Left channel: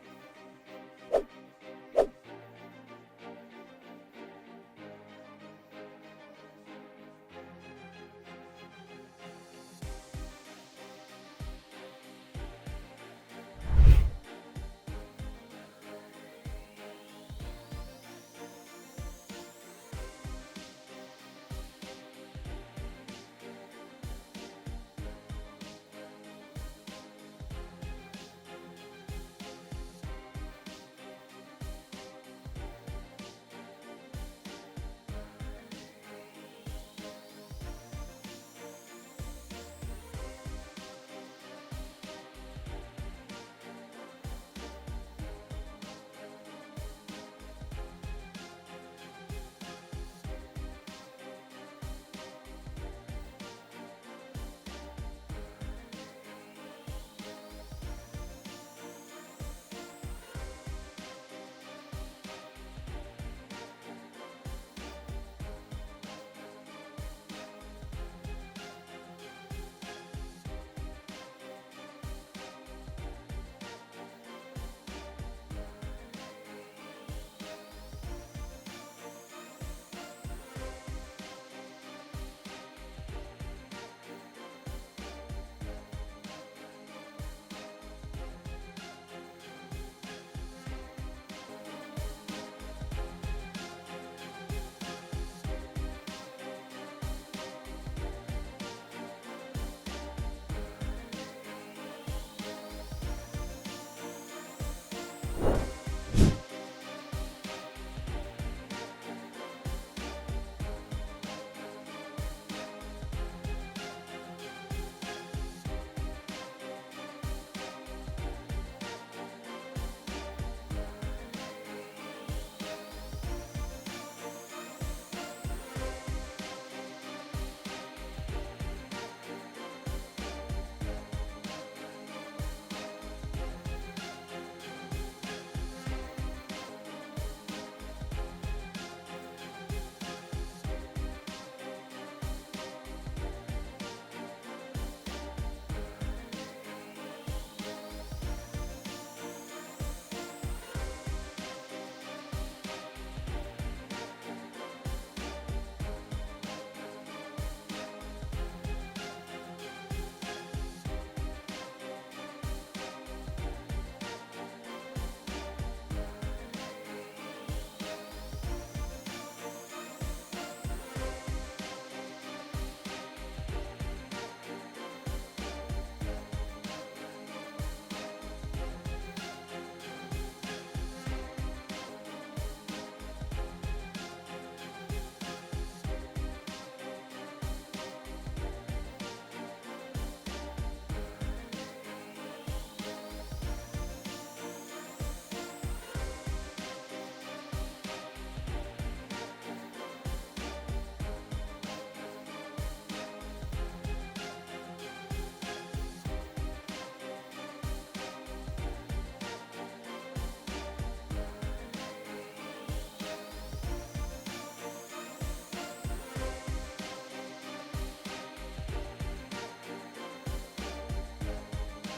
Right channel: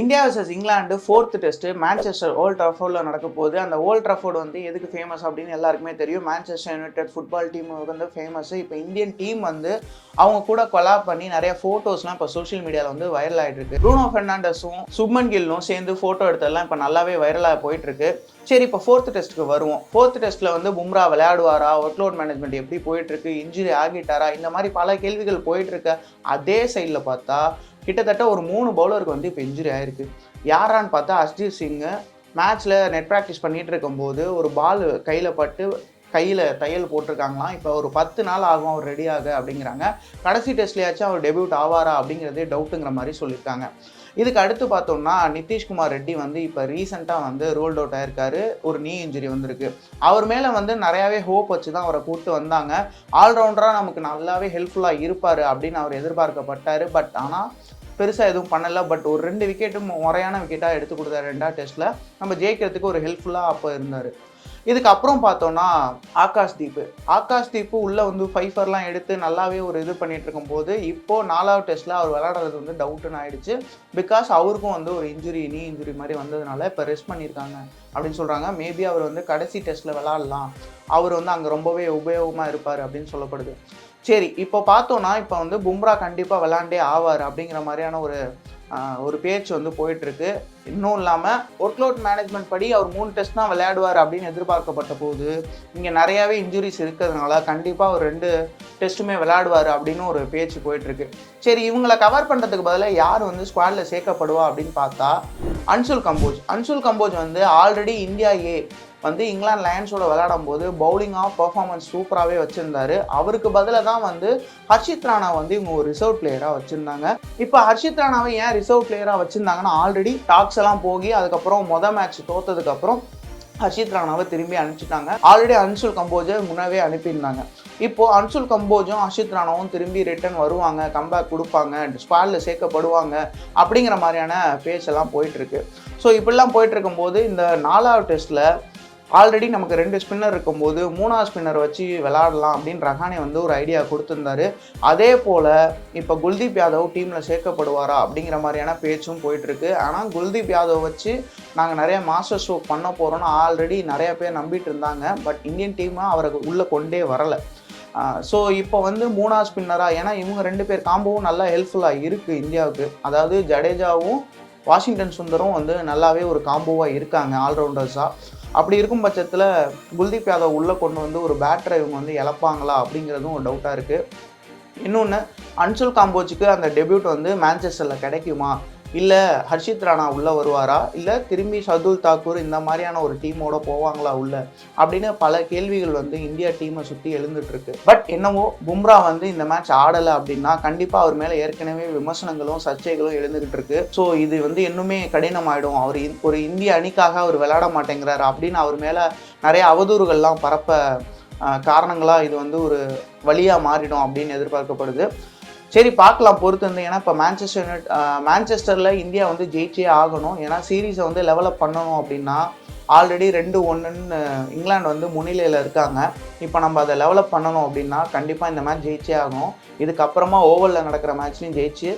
India versus England fourth test Manchester old ட்ரஃபோர்டில் நடக்க போகுது அந்த ஓல்ட் ட்ரஃபோர்டு வந்து எதுக்கு ஃபேமஸ் அப்படின்னு எல்லாருக்குமே தெரியும். மேன்செஸ்டர் யுனைடெட் ஃபுட்பால் டீம் வந்து ஃபேமஸ் இப்போ இந்தியன் டீம் வந்து அவங்க கூட கொலாப் பண்ணி நிறைய ஃபோட்டோஸ்லாம் இப்போ சோஷியல் மீடியாவில் வந்து வைரல் ஆகிட்டு இருக்கு ப்ரூனோ ஃபெர்னாண்டஸும் சுப்மன் கில்லும் சேர்ந்து ஃபோட்டோ எடுத்ததெல்லாம் இப்போ நல்லாவே வைரலாக போயிட்டு இருக்கு சரி இப்போ ஃபோர்த் டெஸ்ட்டுக்கு வருவோம். ஃபோர்த் டெஸ்ட்டில் வந்து பும்ரா விளையாடுவாரா? ஒர்க்லோட் மேனேஜ்மெண்ட் எப்படி போயிட்டுருக்கு? இன்ஜுரி ஆகிட்டாரா? இந்த மாதிரி பல கேள்விகள் போயிட்டுருக்க. அதே சைடில் பார்த்தா கிட்டத்தட்ட ஒரு மூணு பவுலருக்கு வந்து இப்போ இன்ஜுரி ஆயிருக்கு. யாரான்னு பார்த்தா அஸ்ஜீத் சிங்கு மேட்ச்சில் நெட் ப்ராக்டிஸ் பண்ணிகிட்டு இருக்கும்போது ஒரு பால் கையில் பட்டு கையில் தையல் போட்டிருக்காங்களாம். இப்போ ஒரு பத்து நாள் ஆகும் அவர் ரெடி ஆக அப்படிங்கிறாங்க. கடைசி டெஸ்ட்லேயாச்சும் அவர் டெபியூட் ஆவாரா அப்படிங்கிறதே டவுட்டுங்கிற மாதிரி சொல்லியிருக்காங்க. இதுக்கு அடுத்து பார்த்தோம்னா நிதிஷ்குமார் ரெட்டி வந்து இப்போ ரீசெண்டாக வந்து ரோல்ட் அவுட் ஆயிருக்காரு. ஒரு நீ இன்ஜுரி வந்திருக்கு. அவர் மேலே வந்து நிறையாவே ஹோப் வச்சு தான் அவரை கூப்பிட்டு வந்தாங்க. ஆல்ரவுண்டராக நமக்கு நல்லாவே ஹெல்ப்ஃபுல்லாக இருப்பார் அப்படின்னு அவர் எதிர்பார்க்கப்பட்டார். பட் ஆனால் பெருசாக எதுவும் பண்ணலை. பட் ஒரு ரெண்டு விக்கெட்டும் முறையான விக்கெட்டாக எடுத்து கொடுத்தாரு ரெண்டாவது டெஸ்ட்டில் நம்ம ஜெயிக்கிறதுக்கு ஒரு ஹெல்ப்ஃபுல்லாக அப்போ இருந்தார். இதுக்கப்புறம் பார்த்தோன்னா ஆகாஷ் தீப்பு. ஆகாஷ் தீப்பு உள்ளே வந்து ஃபைஃபர்லாம் எடுத்து நல்லாவே ஒரு இது பண்ணிகிட்ருக்கும் இருக்கும்போது இப்போது நாலாவது டெஸ்ட்டில் அவர் விளாடுறது வந்து டவுட்டுன்னு ஆயிடுச்சு. பிகாஸ் அவருக்கும் வந்து ஒரு இன்ஜுரி நீ இன்ஜுரி மாதிரி வந்ததுனால இப்போ ரெஸ்ட் பண்ணியிருக்காங்க அப்படின்னு சொல்கிறாங்க மேபி அவர் வந்து கடைசி டெஸ்ட்டில் விளாட்லாம் அவர் வந்து அங்கே ரொம்பவே உபயோகமாக இருப்பார் அப்படின்னு சொல்லப்படுது. சரி இப்போ பார்த்தோன்னா இப்போ வந்து பும்ரா கண்டிப்பாக விளாண்டே ஆவார் அப்படிங்கிற மாதிரியான ஒரு ஒரு பேச்சு வந்து போயிட்டுருக்கு. இன்னும் இல்லாமல் ஒர்க்லோட் மேனேஜ்மெண்ட் படி அவர் மூணு டெஸ்ட் தான் விளையாடுவார் அப்படின்னு எதிர்பார்க்கப்பட்ட போது இங்கே நிறையாவே இன்ஜுரிஸ் இருக்கிறதுனால கண்டிப்பாக ஒரு ரெண்டு டெஸ்ட்டுமே விளையாடுவார் அப்படின்னு ஒரு பேச்சு போயிட்டுருக்கு. சரி இவங்களை கவர் பண்ணுறதுக்கு பதிலாக யார் வந்து ஸ்குவாடில் சேர்க்கப்படுவா அப்படின்னு பார்த்தா அன்சுல் கம்போஜ். அன்சுல் கம்போஜ் வந்து ஆல்ரெடி இந்தியா ஏ வந்து இங்கிலாந்து லயன்ஸோட விளையாடும் போது பவுலிங்காக பர்ஃபார்மன்ஸ் சூப்பராகவே வச்சுருந்தாரு. அவருக்கு பதிலாக தான் வந்து ஹர்ஷித் ராணா வந்து இவங்க ஒரு ரிசர்வ் பிளேயராக வச்சுருந்தாங்க. இப்போ ஹர்ஷித் ராணாவை ஏன் ரிசர்வ் பிளேயராக வச்சுருந்தாங்கன்னா ஆல்ரெடி டாக்ஸ் எல்லாம் போகி அதுக்கப்புறம் மொதல் மேட்ச் தோத்ததுக்கப்புறம் ஹர்ஷித் ராணாவை திரும்பி அனுப்பிச்சிட்டாங்க. ஆல்ரெடி அன்சுல் கம்போஜை முன்னவே அனுப்பியிருந்தாங்க. இப்போ அன்சுல் கம்போஜும் ஹர்ஷித் ராணாவும் திரும்பி ரிட்டர்ன் வருவாங்க கம்பேக் கொடுப்பாங்க ஸ்குவாடில் சேர்க்கப்படுவாங்க அப்படிங்கிற மாதிரியான பேச்செல்லாம் போயிட்டுருக்கு ஸோ இப்படிலாம் போயிட்டு இருக்கும்போது இந்த நாலாவது டெஸ்ட்டில் ஆல்ரெடி நமக்கு ரெண்டு ஸ்பின்னர் இருக்கும்போது மூணாவது ஸ்பின்னர் வச்சு விளாடலாம் அப்படின்னு ரஹானே வந்து ஒரு ஐடியா கொடுத்துருந்தாரு. அதே போல் இப்போ குல்தீப் யாதவ் டீமில் சேர்க்கப்படுவாரா அப்படிங்கிற மாதிரியான பேச்சும் போயிட்டுருக்கு. ஆனால் குல்தீப் யாதவ் வச்சு நாங்கள் நிறைய மாஸ்டர் ஷோ பண்ண போகிறோன்னு ஆல்ரெடி நிறைய பேர் நம்பிட்டு இருந்தாங்க. பட் இந்தியன் டீமை அவரை உள்ளே கொண்டே வரலை. ஸோ இப்போ வந்து மூணாவது ஸ்பின்னராக ஏன்னா இவங்க ரெண்டு பேர் காம்போவும் நல்லா ஹெல்ப்ஃபுல்லாக இருக்குது இந்தியாவுக்கு. அதாவது ஜடேஜாவும் வாஷிங்டன் சுந்தரும் வந்து நல்லாவே ஒரு காம்போவாக இருக்காங்க ஆல்ரவுண்டர்ஸாக அப்படி இருக்கும் பட்சத்தில் குல்தீப் யாதவ் உள்ளே கொண்டு வந்து ஒரு பேட்டரை இவங்க வந்து இழப்பாங்களா அப்படிங்கிறதும் ஒரு டவுட்டாக இருக்குது இன்னொன்று அன்சுல் காம்போஜுக்கு அந்த டெபியூட் வந்து மேன்செஸ்டரில் கிடைக்குமா? இல்லை ஹர்ஷித் ராணா உள்ளே வருவாரா? இல்லை திரும்பி ஷதுல் தாக்கூர் இந்த மாதிரியான ஒரு டீமோட போவாங்களா உள்ள? அப்படின்னு பல கேள்விகள் வந்து இந்தியா டீமை சுற்றி எழுந்துட்டுருக்கு. பட் என்னவோ பும்ரா வந்து இந்த மேட்ச் ஆடலை அப்படின்னா கண்டிப்பாக அவர் மேலே ஏற்கனவே விமர்சனங்களும் சர்ச்சைகளும் எழுந்துகிட்டு இருக்கு ஸோ இது வந்து இன்னுமே கடினமாயிடும். அவர் இ- ஒரு இந்திய அணிக்காக அவர் விளையாட மாட்டேங்கிறார் அப்படின்னு அவர் மேலே நிறைய அவதூறுகள்லாம் பரப்ப காரணங்களாக இது வந்து ஒரு வழியாக மாறிடும் அப்படின்னு எதிர்பார்க்கப்படுது. சரி பார்க்கலாம் பொறுத்து இருந்து ஏன்னா இப்போ மேன்செஸ்டர் யுனைட் மேன்செஸ்டரில் இந்தியா வந்து ஜெயிச்சே ஆகணும். ஏன்னா சீரீஸை வந்து லெவலப் பண்ணணும் அப்படின்னா ஆல்ரெடி ரெண்டு ஒன்றுன்னு இங்கிலாந்து வந்து முன்னிலையில் இருக்காங்க. இப்போ நம்ம அதை லெவலப் பண்ணணும் அப்படின்னா கண்டிப்பாக இந்த மேட்ச் ஜெயிச்சே ஆகணும். இதுக்கப்புறமா ஓவரில் நடக்கிற மேட்ச்லையும் ஜெயிச்சு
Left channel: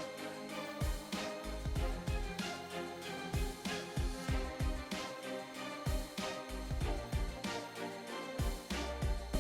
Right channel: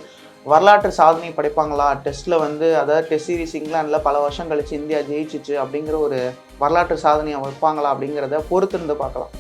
வரலாற்று சாதனை படைப்பாங்களா? டெஸ்ட்டில் வந்து அதாவது டெஸ்ட் சீரிஸ் இங்கிலாந்தில் பல வருஷம் கழிச்சு இந்தியா ஜெயிச்சிச்சு அப்படிங்கிற ஒரு வரலாற்று சாதனையை வைப்பாங்களா அப்படிங்கிறத பொறுத்திருந்து பார்க்கலாம்.